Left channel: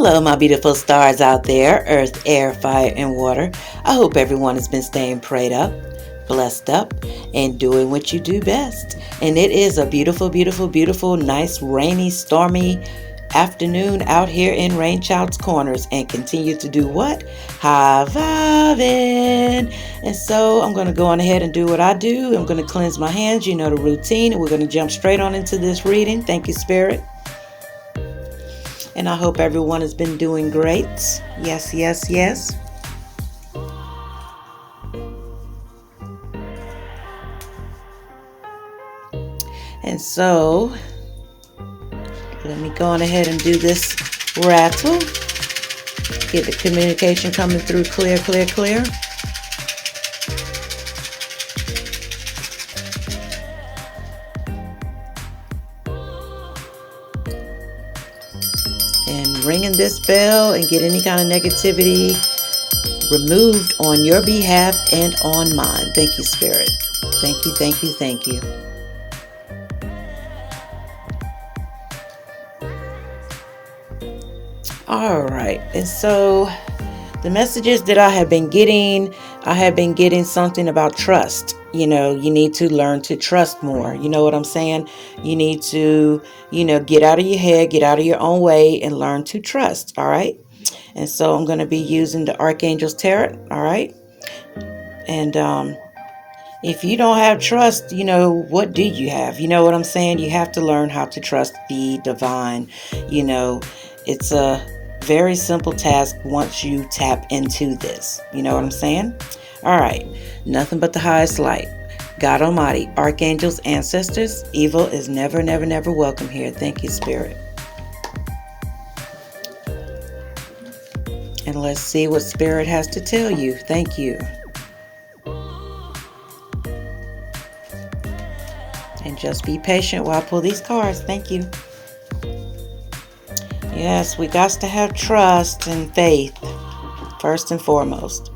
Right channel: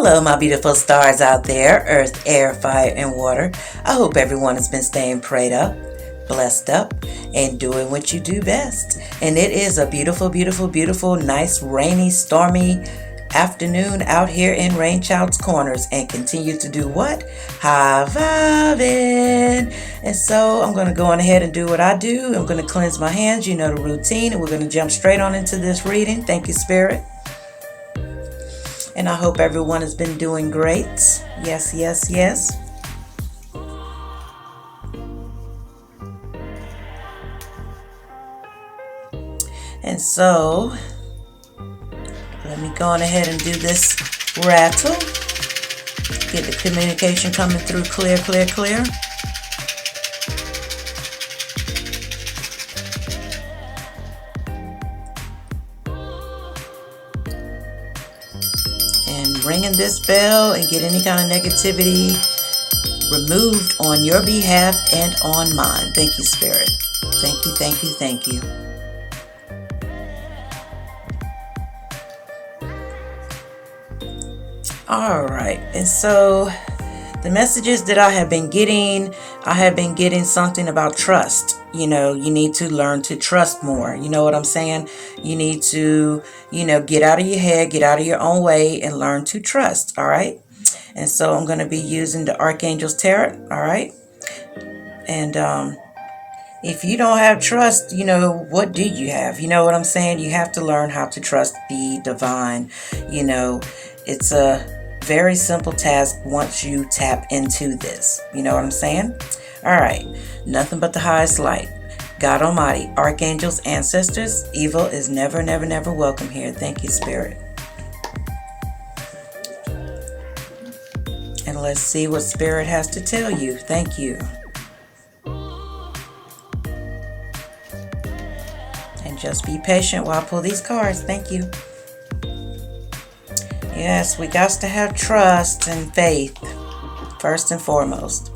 Hello, my beautiful stars out there, earth, air, fire, and water. I hope everyone has been staying prayed up, blessed up, and doing what you do best. And it is a beautiful, beautiful, beautiful, nice, rainy, stormy afternoon out here in Rainchildz Kornerz, and continue to do what? High vibing. And so I'm going to go on ahead and do what I do. I'm going to cleanse my hands. You know the routine, and we're going to jump straight on into this reading. Thank you, Spirit. And I hope everyone has been doing great. Yes, yes, yes. And so, let me go on ahead and do this rattle. Get the communication coming through clear, clear, clear. And ringing this bell and get any kind of negativity removed on your behalf and on mine. Thank you, Spirit. Thank you, thank you, thank you. All right, and so the messages that I have been getting something about trust. You know, you need to learn to trust more. You know what I'm saying? You need to, get out of your head, get out of your own way, and learn to trust. All right. And so I'm going to be using the Archangel's Tarot. All right. And if you don't have trust, what do you have? You know what I'm saying? You have to learn how to trust the divine. It's a very simple task once you tap into this. You know what I'm saying? All right. Nothing but the highest light. God Almighty, archangels, ancestors, evil is never, never, never welcome here. Thank you, Spirit. And let's see what Spirit has to tell you. Thank you. And just be patient while I pull these cards. Thank you. Yes, we got to have trust and faith, first and foremost.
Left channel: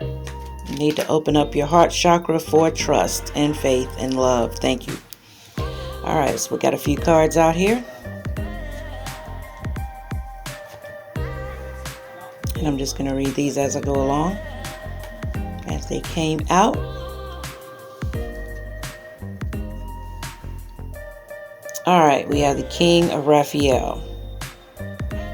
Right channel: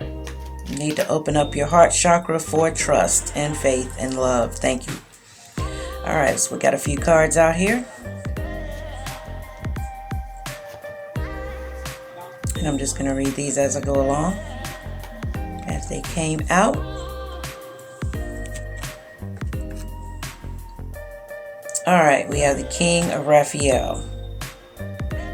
You need to open up your heart chakra for trust and faith and love. Thank you. All right, so we got a few cards out here. And I'm just going to read these as I go along, as they came out. All right, we have the King of Raphael.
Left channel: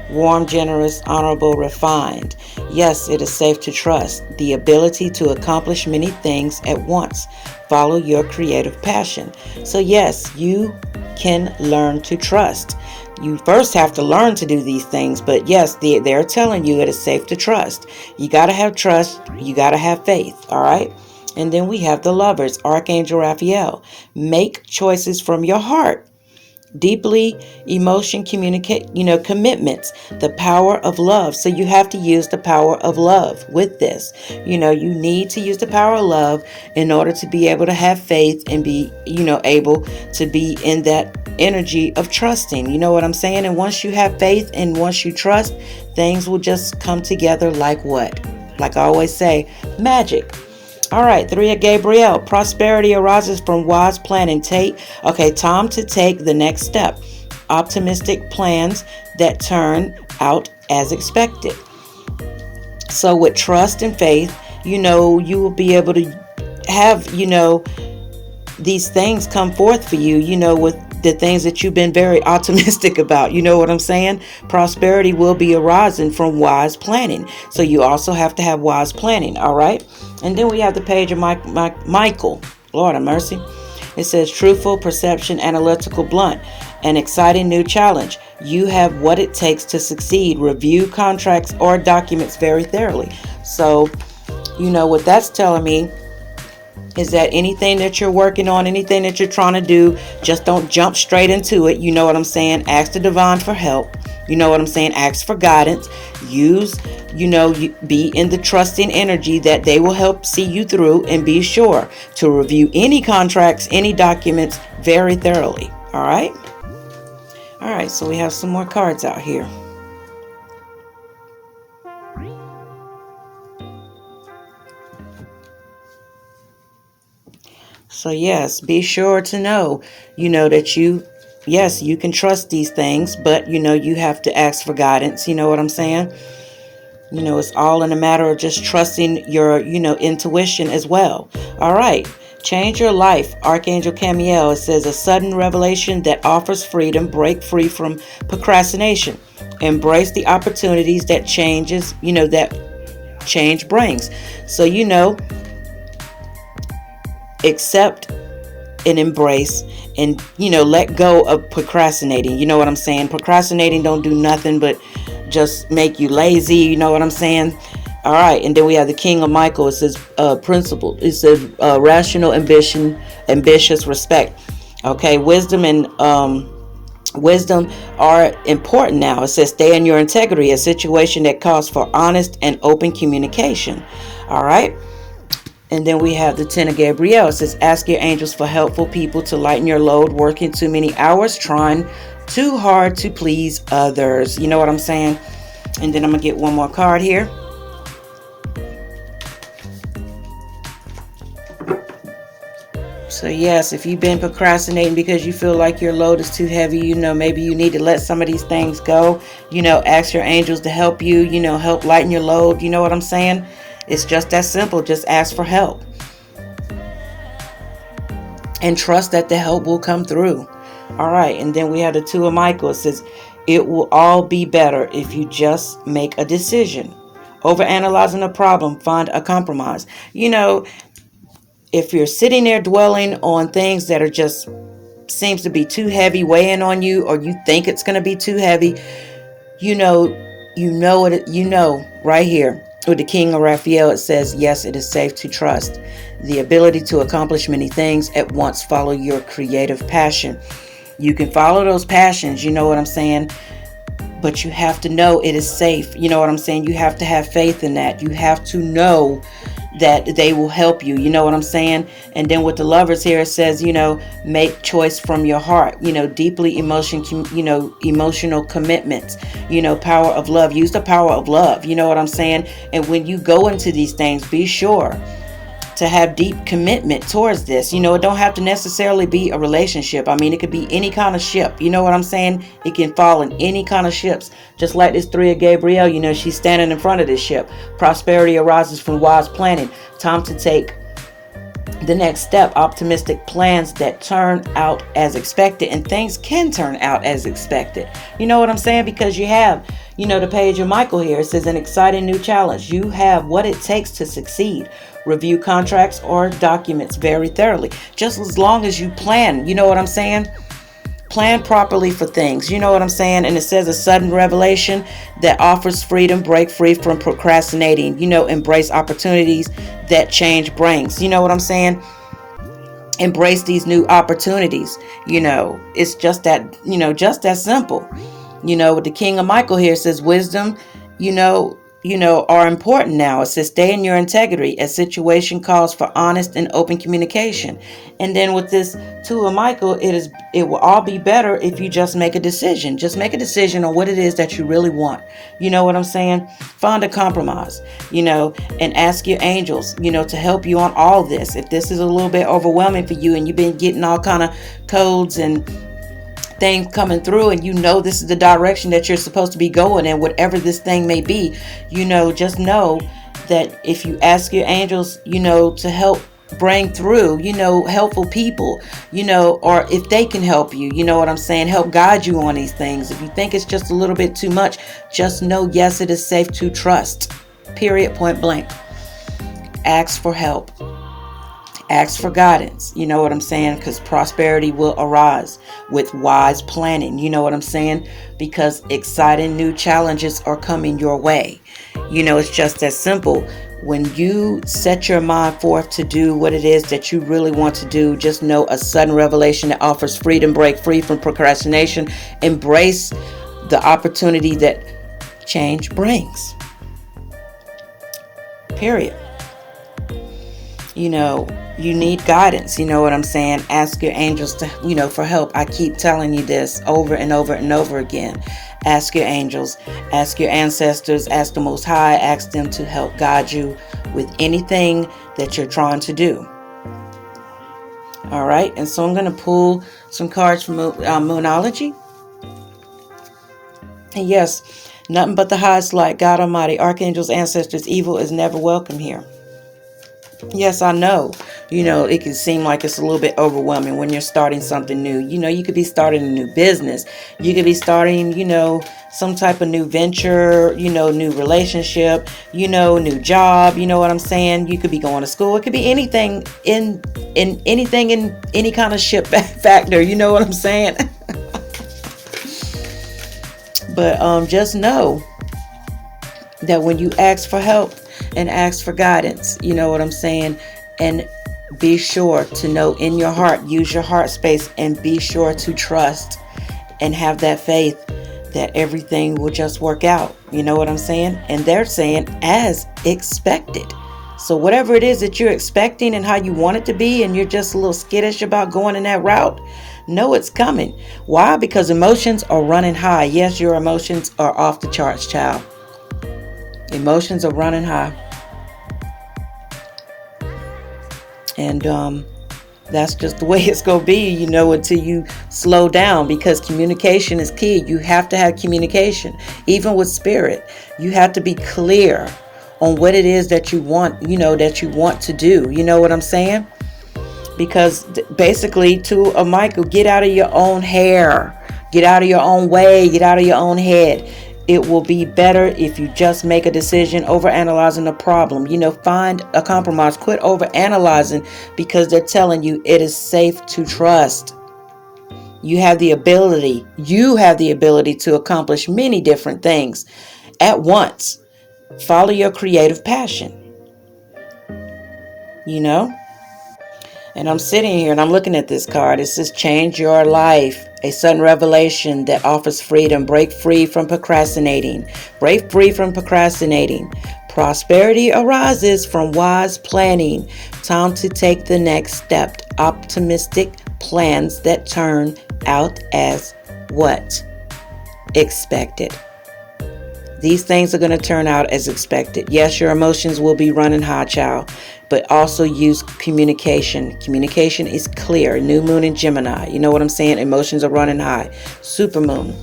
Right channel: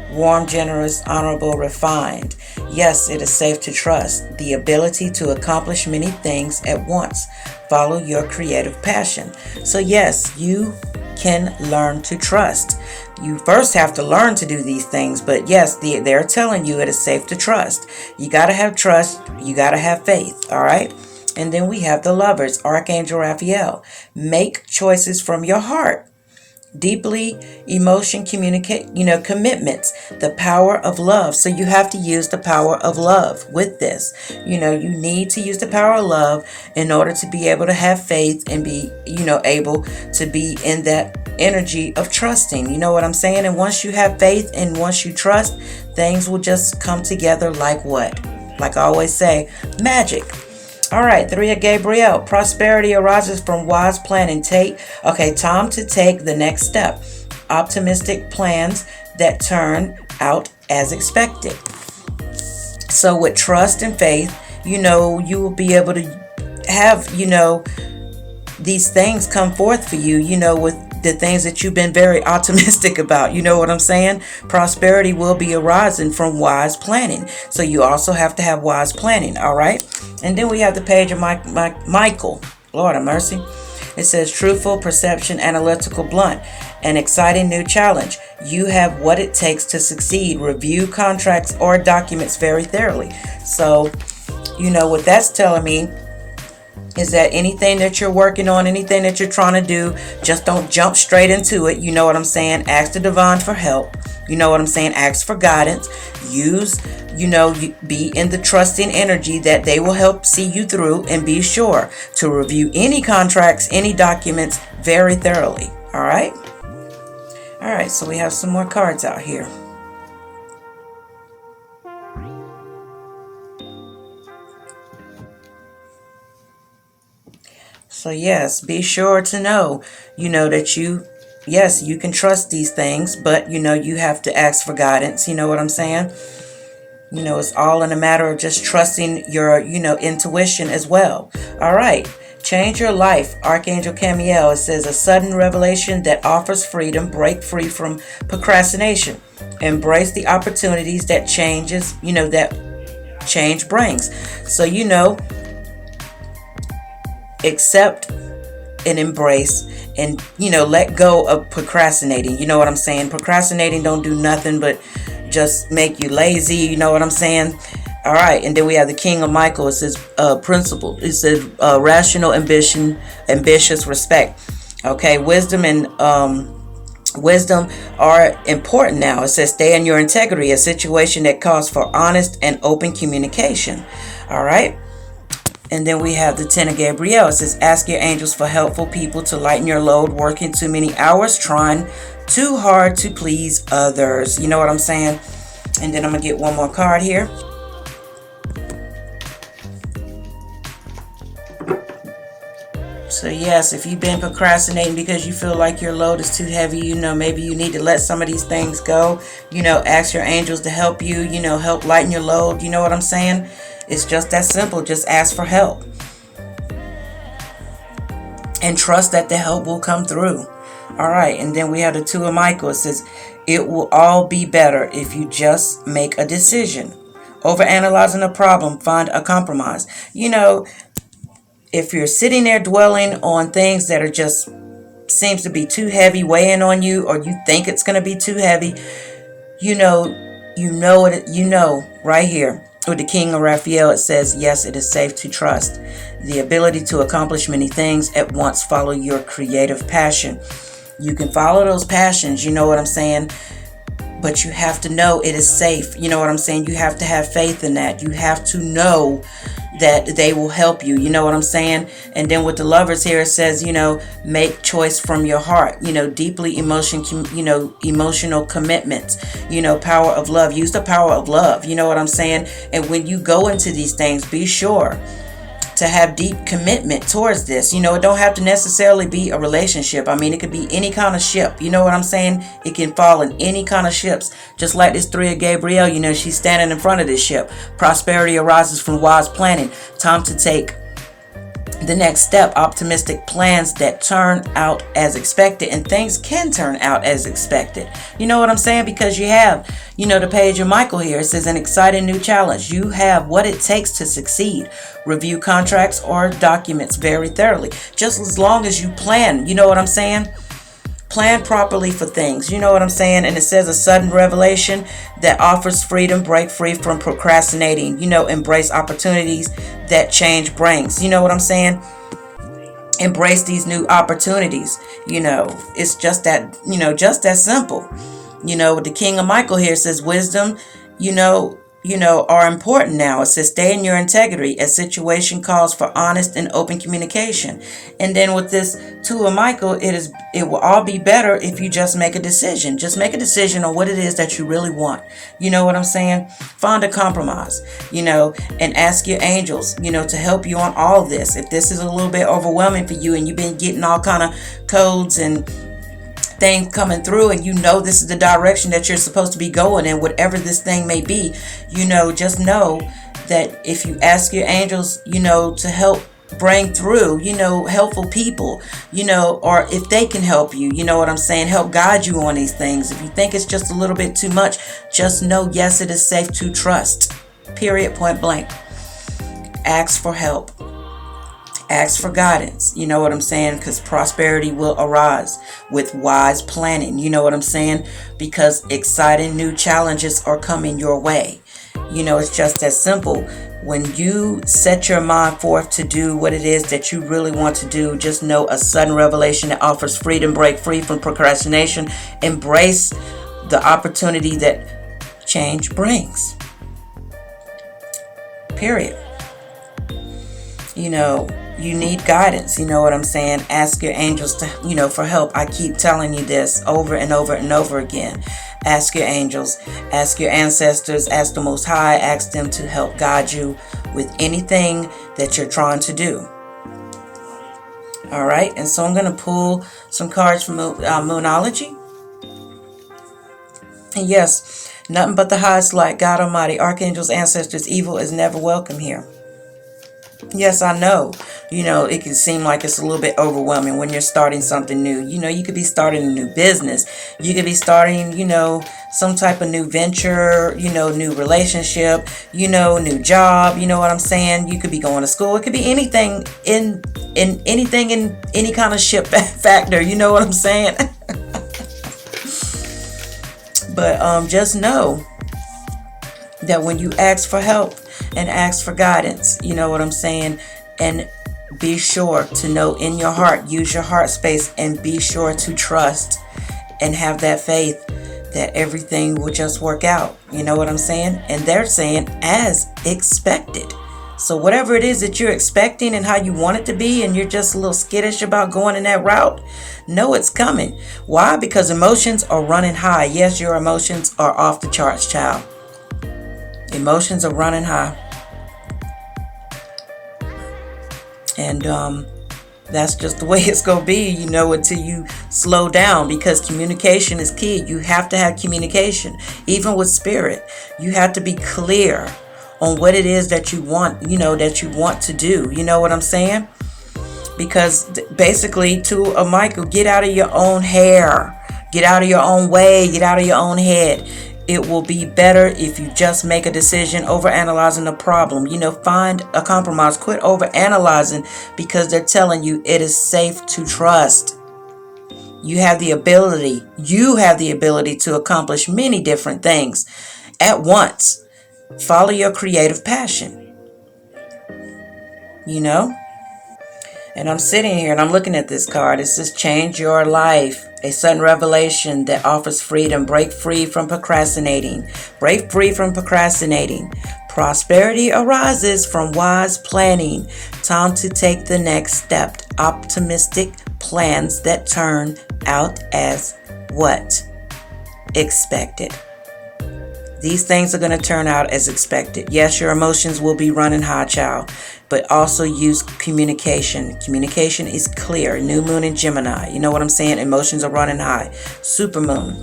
Warm, generous, honorable, refined. Yes, it is safe to trust. The ability to accomplish many things at once. Follow your creative passion. So yes, you can learn to trust. You first have to learn to do these things, but yes, they're telling you it is safe to trust. You got to have trust. You got to have faith. All right. And then we have the Lovers, Archangel Raphael. Make choices from your heart. Deeply emotion commitments, the power of love. So you have to use the power of love with this. You need to use the power of love in order to be able to have faith and be, able to be in that energy of trusting. You know what I'm saying? And once you have faith and once you trust, things will just come together like what? Like I always say, magic. All right, 3 of Gabriel. Prosperity arises from wise planning. Time to take the next step. Optimistic plans that turn out as expected. So with trust and faith, you will be able to have, these things come forth for you, with the things that you've been very optimistic about. You know what I'm saying? Prosperity will be arising from wise planning. So you also have to have wise planning. All right. And then we have the page of Michael. Lord have mercy. It says truthful, perception, analytical, blunt, an exciting new challenge. You have what it takes to succeed. Review contracts or documents very thoroughly. So, what that's telling me is that anything that you're working on, anything that you're trying to do, just don't jump straight into it. You know what I'm saying? Ask the divine for help. You know what I'm saying? Ask for guidance. Use, be in the trusting energy that they will help see you through, and be sure to review any contracts, any documents very thoroughly. All right. All right. So we have some more cards out here. So yes, be sure to know, that you yes, you can trust these things, but you have to ask for guidance. You know what I'm saying? It's all in a matter of just trusting your, intuition as well. All right. Change your life. Archangel Camiel. It says a sudden revelation that offers freedom. Break free from procrastination. Embrace the opportunities that that change brings. So, accept and embrace and, let go of procrastinating. You know what I'm saying? Procrastinating don't do nothing but just make you lazy. You know what I'm saying? All right. And then we have the King of Michael. It says principle. It says rational ambition, ambitious respect. Okay. Wisdom and wisdom are important now. It says stay in your integrity, a situation that calls for honest and open communication. All right. And then we have the Ten of Gabriel. It says ask your angels for helpful people to lighten your load, working too many hours, trying too hard to please others. You know what I'm saying? And then I'm going to get one more card here. So yes, if you've been procrastinating because you feel like your load is too heavy, maybe you need to let some of these things go. Ask your angels to help you, help lighten your load. You know what I'm saying? It's just that simple. Just ask for help. And trust that the help will come through. All right. And then we have the Two of Michael. It says, it will all be better if you just make a decision. Overanalyzing a problem, find a compromise. If you're sitting there dwelling on things that are just seems to be too heavy, weighing on you, or you think it's going to be too heavy, right here with the King of Raphael, it says, yes, it is safe to trust. The ability to accomplish many things at once. Follow your creative passion. You can follow those passions, you know what I'm saying? But you have to know it is safe. You know what I'm saying? You have to have faith in that. You have to know that they will help you. You know what I'm saying? And then with the Lovers here, it says, make choice from your heart, deeply emotional commitments, power of love. Use the power of love. You know what I'm saying? And when you go into these things, be sure to have deep commitment towards this. It don't have to necessarily be a relationship. I mean, it could be any kind of ship. You know what I'm saying? It can fall in any kind of ships. Just like this Three of Gabriel, she's standing in front of this ship. Prosperity arises from wise planning. Time to take the next step. Optimistic plans that turn out as expected, and things can turn out as expected. You know what I'm saying? Because you have, the Page of Michael here. It says an exciting new challenge. You have what it takes to succeed. Review contracts or documents very thoroughly. Just as long as you plan, you know what I'm saying? Plan properly for things. You know what I'm saying? And it says a sudden revelation that offers freedom. Break free from procrastinating. Embrace opportunities that change brings. You know what I'm saying? Embrace these new opportunities. It's just that, just that simple. With the King of Michael here, it says wisdom, are important now. It says stay in your integrity. A situation calls for honest and open communication. And then with this Two of Michael, it will all be better if you just make a decision. Just make a decision on what it is that you really want. You know what I'm saying? Find a compromise, and ask your angels, to help you on all this. If this is a little bit overwhelming for you and you've been getting all kind of codes and thing coming through, and this is the direction that you're supposed to be going in, whatever this thing may be, just know that if you ask your angels, to help bring through, helpful people, or if they can help you, you know what I'm saying, help guide you on these things. If you think it's just a little bit too much, just know, yes, it is safe to trust. Period, point blank. Ask for help. Ask for guidance, you know what I'm saying? Because prosperity will arise with wise planning, you know what I'm saying? Because exciting new challenges are coming your way. It's just that simple. When you set your mind forth to do what it is that you really want to do, just know a sudden revelation that offers freedom. Break free from procrastination. Embrace the opportunity that change brings. Period. You need guidance. You know what I'm saying? Ask your angels to, for help. I keep telling you this over and over and over again. Ask your angels, ask your ancestors, ask the Most High, ask them to help guide you with anything that you're trying to do. All right. And so I'm going to pull some cards from Moonology. And yes, nothing but the highest light, God Almighty, archangels, ancestors, evil is never welcome here. Yes, I know. It can seem like it's a little bit overwhelming when you're starting something new. You could be starting a new business. You could be starting, some type of new venture, new relationship, new job. You know what I'm saying? You could be going to school. It could be anything in any kind of ship factor. You know what I'm saying? But just know that when you ask for help and ask for guidance, you know what I'm saying? And be sure to know in your heart, use your heart space, and be sure to trust and have that faith that everything will just work out. You know what I'm saying? And they're saying as expected. So whatever it is that you're expecting and how you want it to be, and you're just a little skittish about going in that route, know it's coming. Why? Because emotions are running high. Yes, your emotions are off the charts, child. Emotions are running high. And that's just the way it's going to be, until you slow down, because communication is key. You have to have communication. Even with spirit, you have to be clear on what it is that you want, that you want to do. You know what I'm saying? Because basically, to a Michael, get out of your own hair, get out of your own way, get out of your own head. It will be better if you just make a decision over analyzing the problem. Find a compromise. Quit over analyzing, because they're telling you it is safe to trust. You have the ability to accomplish many different things at once. Follow your creative passion. And I'm sitting here and I'm looking at this card. It says, change your life. A sudden revelation that offers freedom. Break free from procrastinating. Break free from procrastinating. Prosperity arises from wise planning. Time to take the next step. Optimistic plans that turn out as what? Expected. These things are going to turn out as expected. Yes, your emotions will be running high, child, but also use communication. Communication is clear. New moon in Gemini. You know what I'm saying? Emotions are running high. Super moon.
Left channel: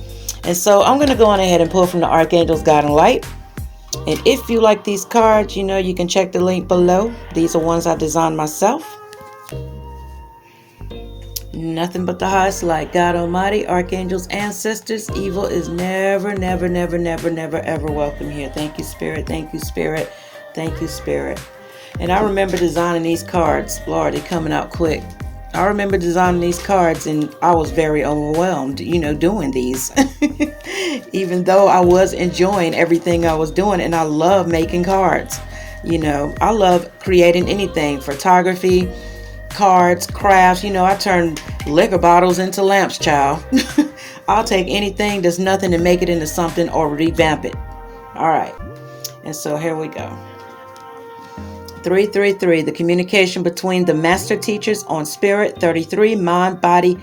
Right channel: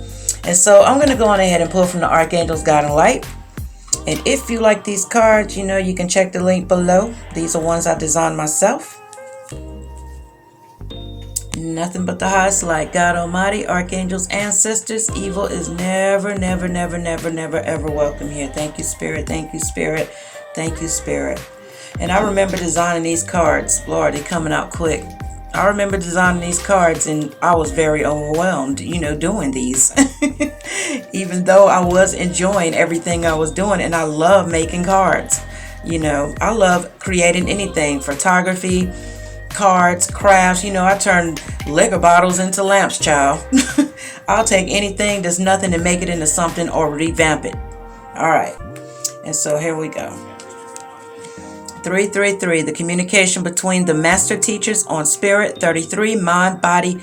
And so I'm going to go on ahead and pull from the Archangels, God and Light. And if you like these cards, you can check the link below. These are ones I designed myself. Nothing but the highest light, God Almighty, archangels, ancestors. Evil is never, never, never, never, never, ever welcome here. Thank you, Spirit. Thank you, Spirit. Thank you, Spirit. And I remember designing these cards. Lord, they're coming out quick. I remember designing these cards, and I was very overwhelmed, doing these. Even though I was enjoying everything I was doing, and I love making cards. I love creating anything, photography, cards, crafts. I turn liquor bottles into lamps, child. I'll take anything that's nothing to make it into something or revamp it. All right. And so here we go. 333, the communication between the master teachers on spirit. 33, mind, body,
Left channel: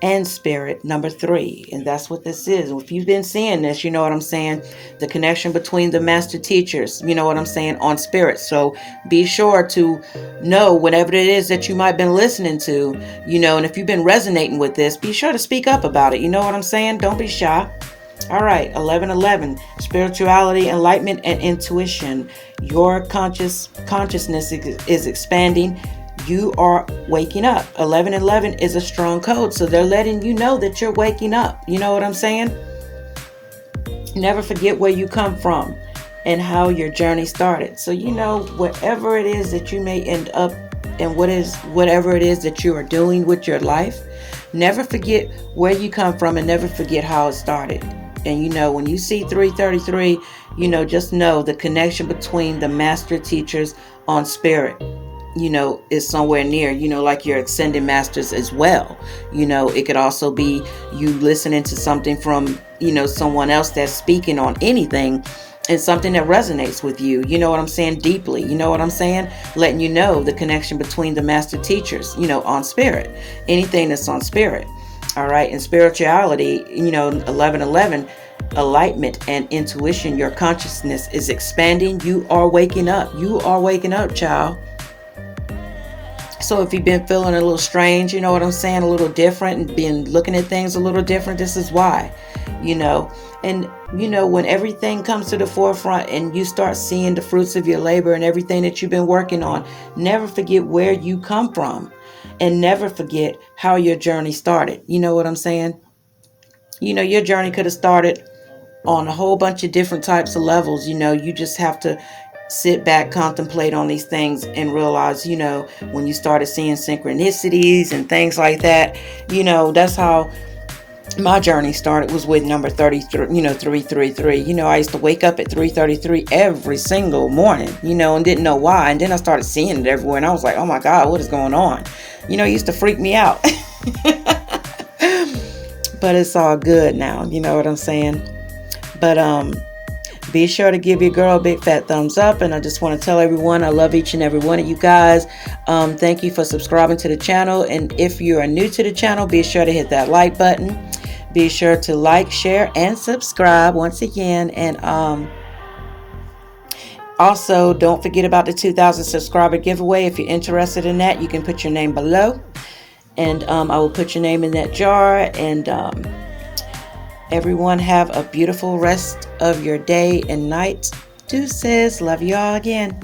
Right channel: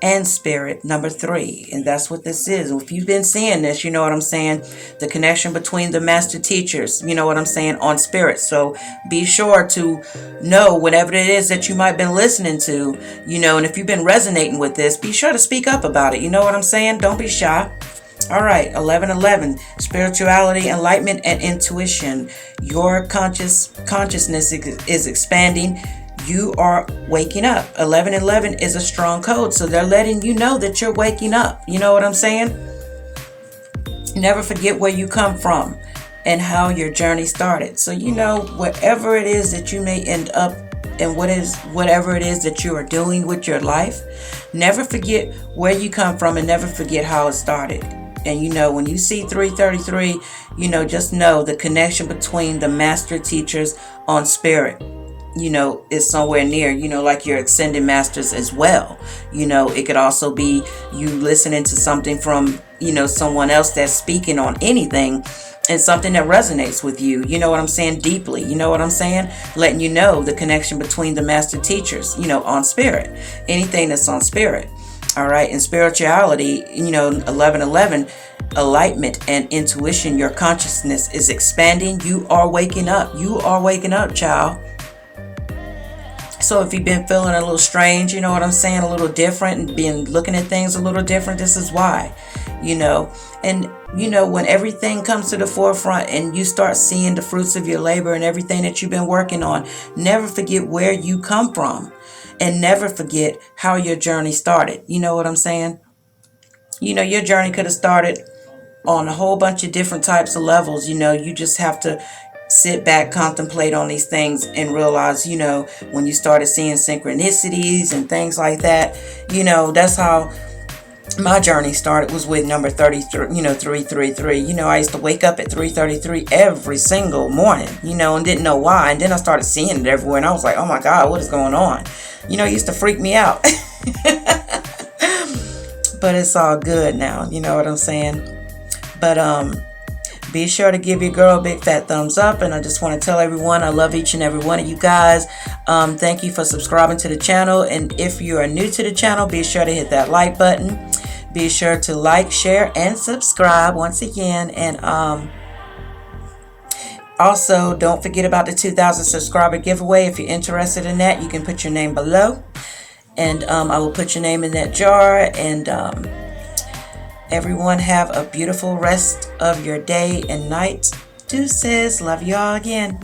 and spirit. Number 3. And that's what this is. If you've been seeing this, you know what I'm saying? The connection between the master teachers, you know what I'm saying, on spirit. So be sure to know whatever it is that you might have been listening to, and if you've been resonating with this, be sure to speak up about it. You know what I'm saying? Don't be shy. All right, 1111, spirituality, enlightenment, and intuition. Your consciousness is expanding. You are waking up. 1111 is a strong code, so they're letting you know that you're waking up. You know what I'm saying? Never forget where you come from and how your journey started. So wherever it is that you may end up, and whatever it is that you are doing with your life, never forget where you come from and never forget how it started. And when you see 333, just know the connection between the master teachers on spirit, is somewhere near, like your ascended masters as well. It could also be you listening to something from, someone else that's speaking on anything, and something that resonates with you. You know what I'm saying? Deeply. You know what I'm saying? Letting you know the connection between the master teachers, on spirit. Anything that's on spirit. All right. In spirituality, 1111, enlightenment and intuition. Your consciousness is expanding. You are waking up. You are waking up, child. So if you've been feeling a little strange, you know what I'm saying, a little different, and been looking at things a little different, this is why, you know. And, you know, when everything comes to the forefront and you start seeing the fruits of your labor and everything that you've been working on, never forget where you come from, and never forget how your journey started. You know what I'm saying? You know, your journey could have started on a whole bunch of different types of levels. You know, you just have to sit back, contemplate on these things, and realize, you know, when you started seeing synchronicities and things like that, you know, that's how my journey started, was with number 33, you know, 333. You know, I used to wake up at 3:33 every single morning, you know, and didn't know why. And then I started seeing it everywhere, and I was like, oh my God, what is going on? You know, it used to freak me out. But it's all good now, you know what I'm saying? But be sure to give your girl a big fat thumbs up. And I just want to tell everyone I love each and every one of you guys. Thank you for subscribing to the channel. And if you are new to the channel, be sure to hit that like button. Be sure to like, share, and subscribe once again. And also, don't forget about the 2,000 subscriber giveaway. If you're interested in that, you can put your name below. And I will put your name in that jar. And everyone have a beautiful rest of your day and night. Deuces. Love you all again.